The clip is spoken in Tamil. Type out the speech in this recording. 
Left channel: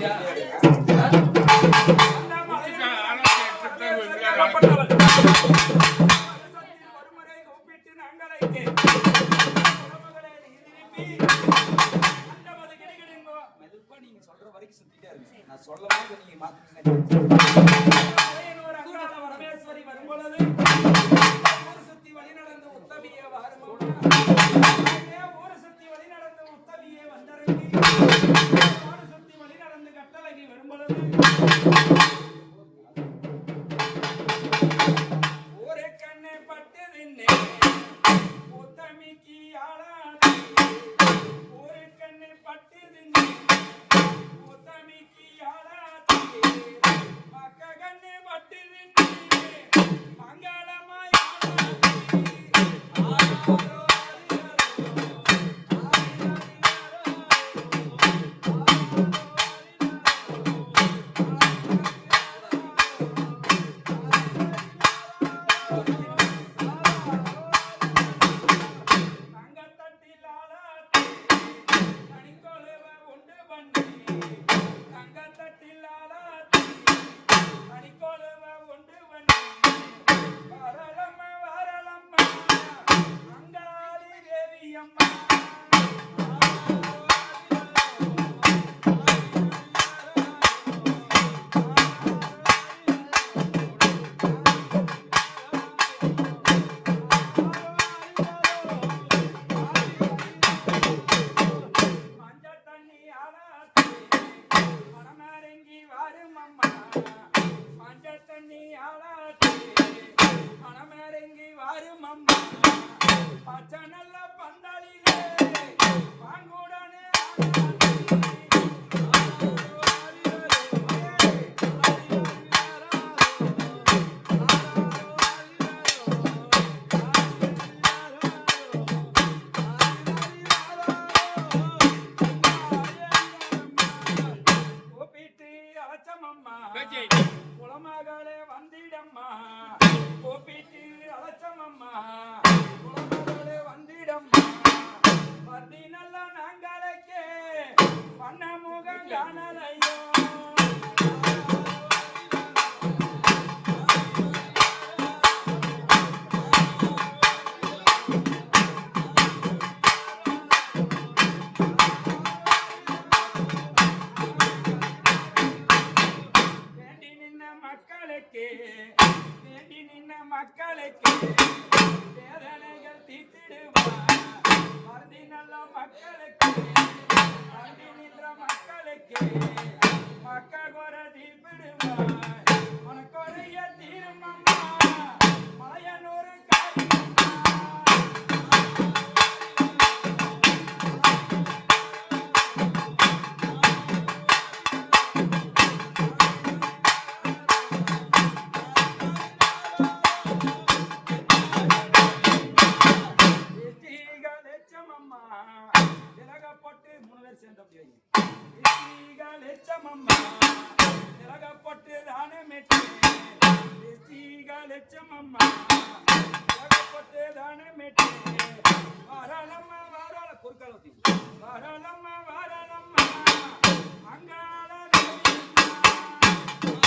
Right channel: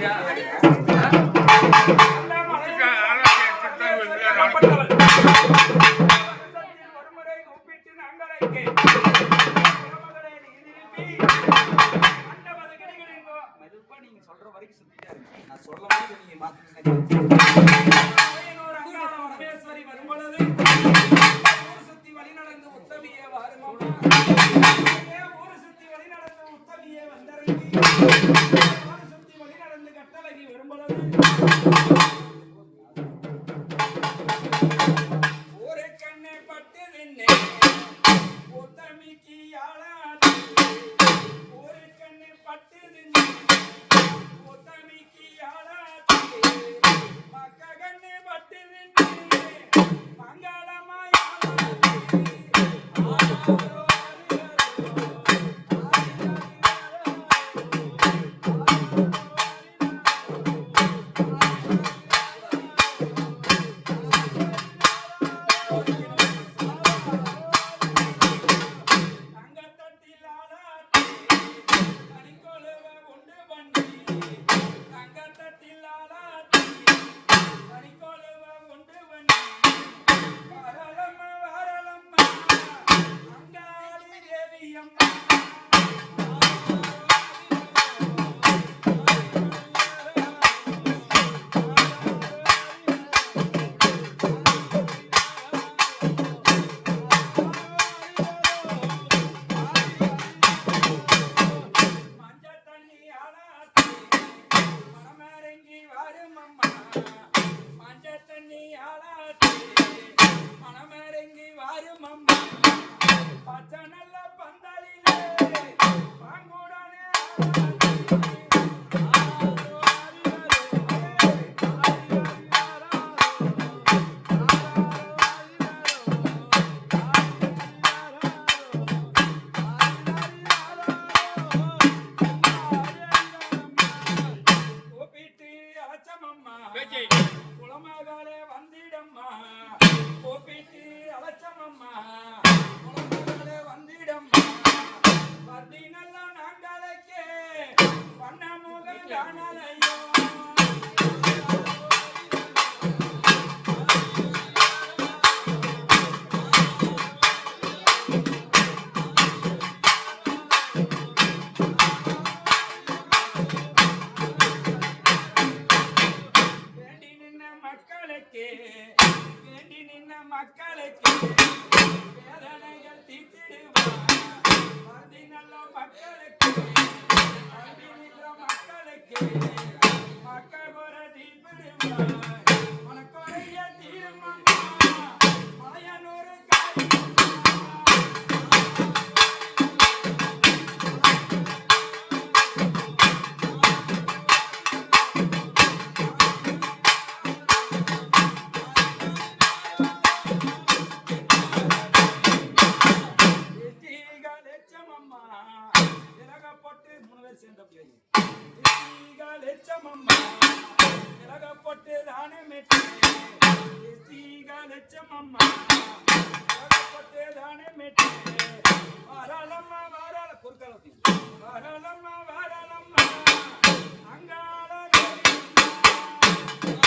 நீங்க சொல்ற வரைக்கும் சுத்திட்டே இருக்கு. நான் சொல்ல போது நீங்க மாத்துங்க. வரமேஸ்வரி வரும்பொழுது ஊர் சுத்தி வழி நடந்து உத்தமியே வாருமா, ஊர் சுத்தி வழி நடந்து உத்தமியே வந்தறங்கி ஊர் சுத்தி வழி நடந்து கட்டளகி வரும்பொழுது ஒரு கண்ணை பட்டு நின்னே உத்தமிக்கு ஆளாது, ஒரு கண்ணை பட்டு நின்னே உத்தமிக்கு ஆளாது, மக்க கண்ணை பட்டு நின்னே மங்களமாய் ஆளாது. குளமகளே வந்திடம்மா கோபிட்டு அலட்சமம்மா, குளமகளே வந்திடம்மா பர்தி நல்ல நாங்களுக்கே பண்ண முகம் காணலையோ. வேண்டி நின்ன மக்களுக்கு வேதனைகள் தீர்த்திடுவார், மருதி நல்ல மக்களுக்கு மருதி நின்ற மக்களுக்கு மக்கள் குற தீர்ப்பிடுவார், உனக்குறைய தீர்மம்மா மலையனூர் விலகப்பட்டு 3 பேர் சேர்ந்த லட்சமம்மா விலகப்பட்டு தானமிட்டு லட்சமம்மா விலகப்பட்டு தானமிட்டு வாராளம்மா வாராள பொருட்காலத்தி வாராளம்மா வார